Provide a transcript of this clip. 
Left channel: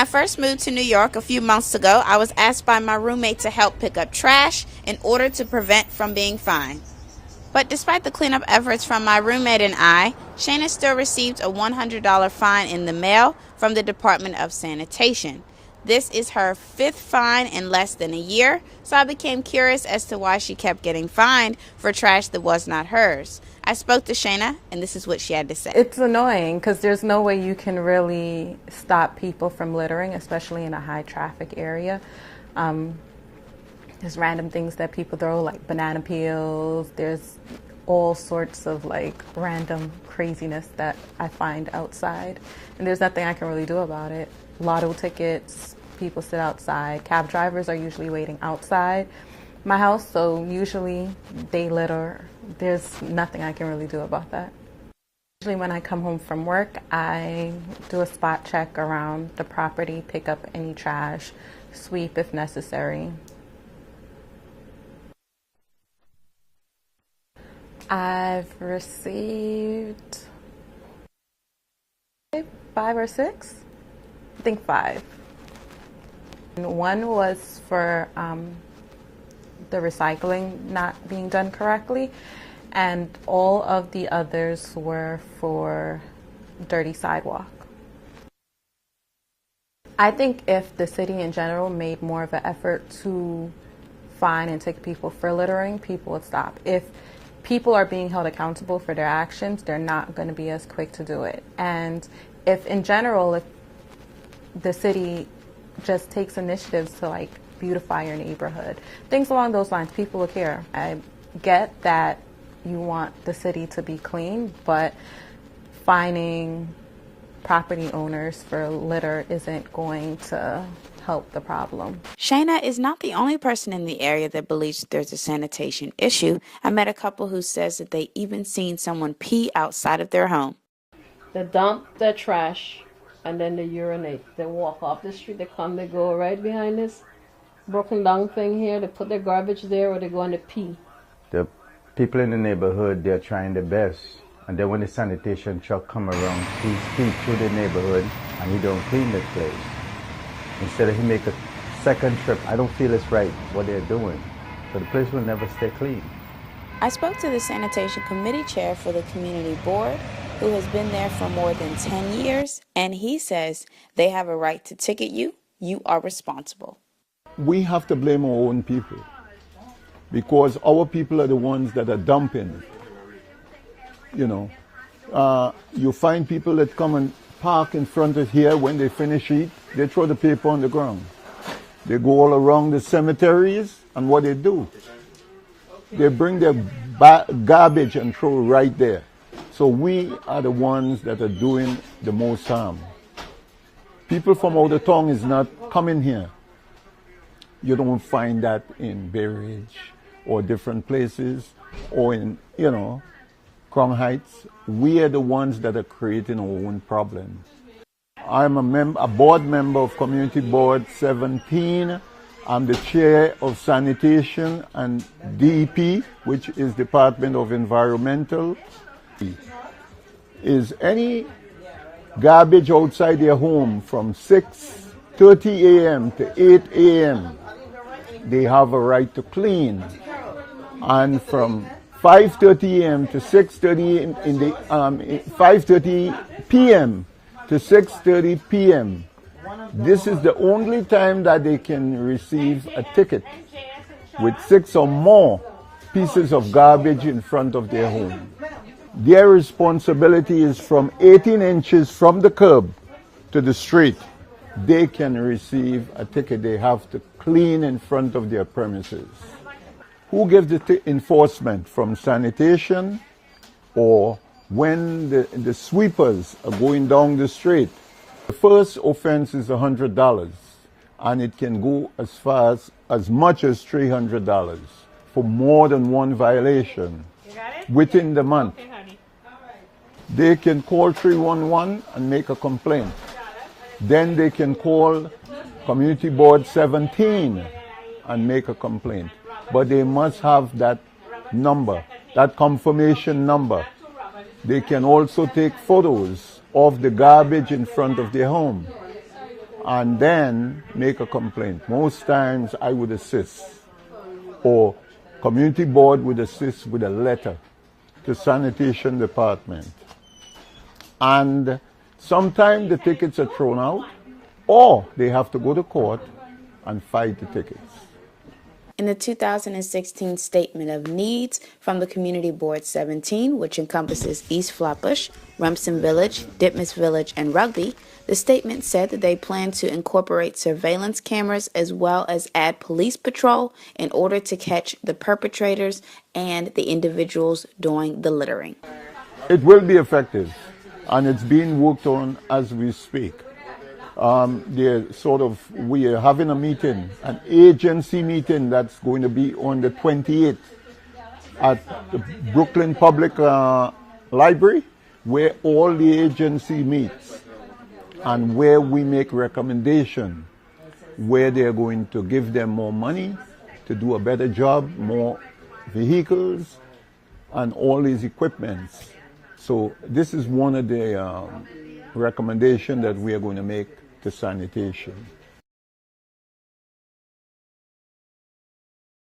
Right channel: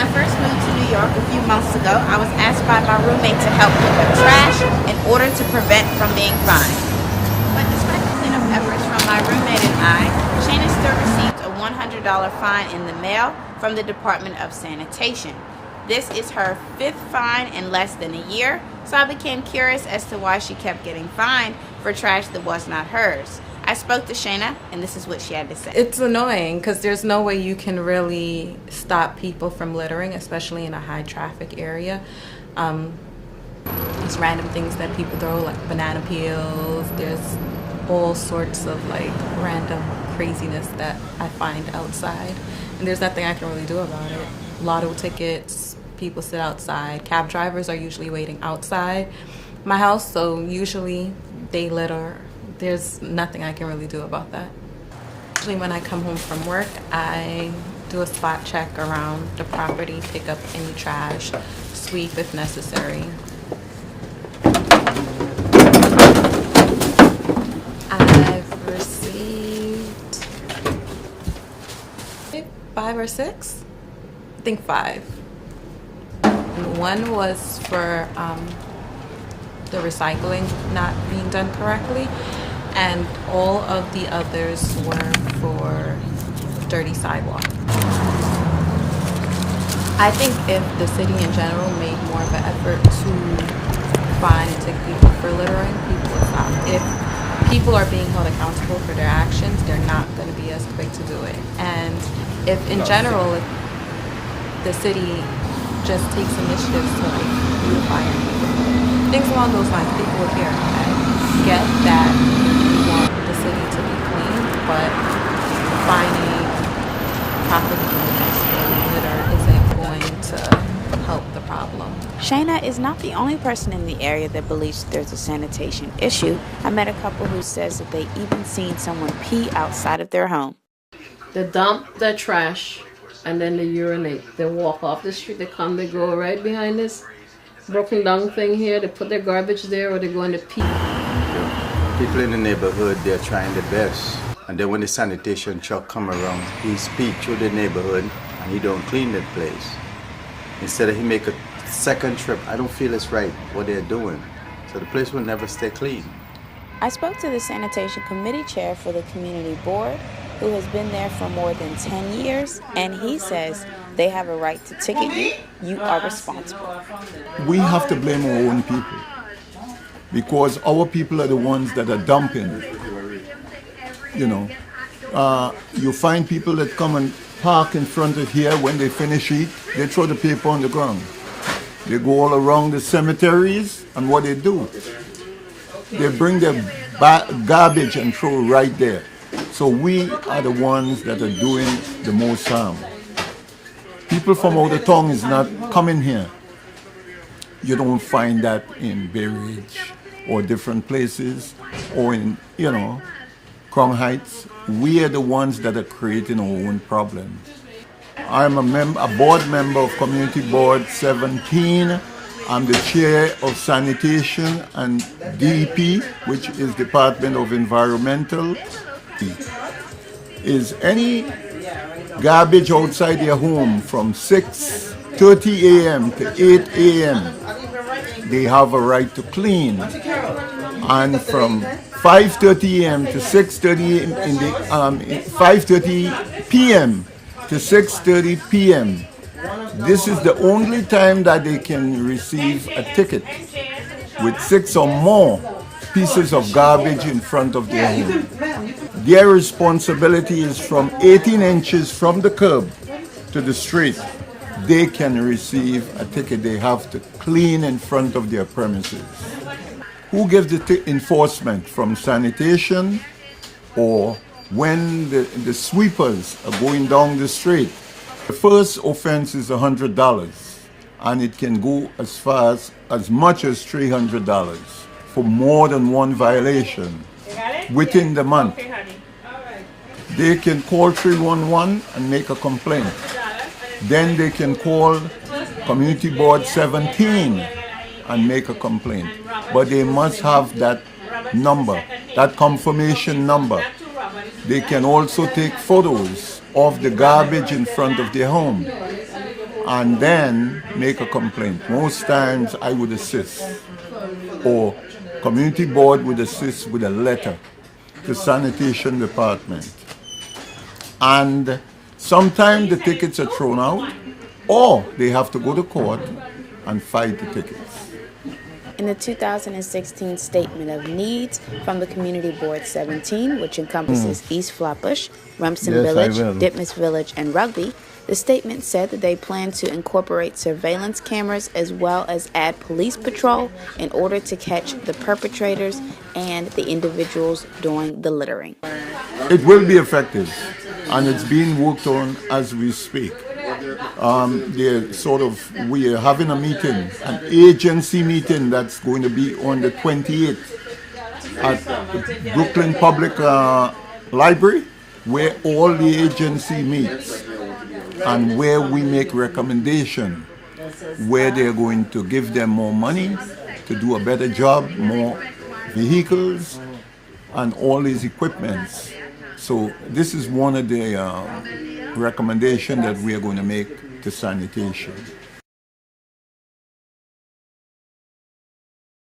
I first moved to New York a few months ago, I was asked by my roommate to help pick up trash in order to prevent from being fined. But despite the cleanup efforts from my roommate and I, Shayna still received a $100 fine in the mail from the Department of Sanitation. This is her fifth fine in less than a year, so I became curious as to why she kept getting fined for trash that was not hers. I spoke to Shayna, and this is what she had to say. It's annoying because there's no way you can really stop people from littering, especially in a high traffic area. There's random things that people throw, like banana peels. There's all sorts of like random craziness that I find outside, and there's nothing I can really do about it. Lotto tickets, people sit outside. Cab drivers are usually waiting outside my house, so usually they litter. There's nothing I can really do about that. Usually when I come home from work, I do a spot check around the property, pick up any trash, sweep if necessary. I've received 5 or 6? I think 5. And one was for the recycling not being done correctly, and all of the others were for dirty sidewalk. I think if the city in general made more of an effort to fine and take people for littering, people would stop. If people are being held accountable for their actions, they're not going to be as quick to do it. And if in general, if the city just takes initiatives to like beautify your neighborhood, things along those lines, people would care. I get that you want the city to be clean, but fining property owners for litter isn't going to help the problem. Shayna is not the only person in the area that believes there's a sanitation issue. I met a couple who says that they even seen someone pee outside of their home. They dump their trash and then they urinate. They walk off the street, they come, they go right behind this broken down thing here, they put their garbage there, or they go in the pee. The people in the neighborhood, they're trying their best. And then when the sanitation truck come around, he speak through the neighborhood and he don't clean the place. Instead of he make a second trip, I don't feel it's right what they're doing. So the place will never stay clean. I spoke to the sanitation committee chair for the community board, who has been there for more than 10 years, and he says they have a right to ticket you. You are responsible. We have to blame our own people because our people are the ones that are dumping. You know, you find people that come and park in front of here. When they finish eat, they throw the paper on the ground. They go all around the cemeteries, and what they do, they bring their garbage and throw right there. So we are the ones that are doing the most harm. People from out of town is not coming here. You don't find that in Bay Ridge or different places or in, you know, Crown Heights. We are the ones that are creating our own problems. I'm a board member of Community Board 17. I'm the chair of Sanitation and DEP, which is Department of Environmental. Is any garbage outside your home from 6:30 a.m. to 8 a.m., they have a right to clean. And from 5:30 a.m. to 6:30 in the 5:30 p.m. to 6:30 p.m. This is the only time that they can receive a ticket with 6 or more pieces of garbage in front of their home. Their responsibility is from 18 inches from the curb to the street. They can receive a ticket. They have to clean in front of their premises. Who gives the enforcement? From sanitation, or when the sweepers are going down the street? The first offense is $100, and it can go as far as much as $300 for more than one violation within the month. They can call 311 and make a complaint. Then they can call Community Board 17 and make a complaint. But they must have that number, that confirmation number. They can also take photos of the garbage in front of their home. and then make a complaint. Most times I would assist, or community board would assist with a letter to sanitation department. And sometimes the tickets are thrown out, or they have to go to court and fight the tickets. In the 2016 Statement of Needs from the Community Board 17, which encompasses East Flatbush, Rumson Yes, I Village, will. Ditmas Village, and Rugby, the statement said that they plan to incorporate surveillance cameras as well as add police patrol in order to catch the perpetrators and the individuals doing the littering. It will be effective, and it's being worked on as we speak. We are having a meeting, an agency meeting that's going to be on the 28th at the Brooklyn Public Library, where all the agency meets and where we make recommendations, where they're going to give them more money to do a better job, more vehicles, and all these equipments. So this is one of the recommendations that we are going to make to sanitation.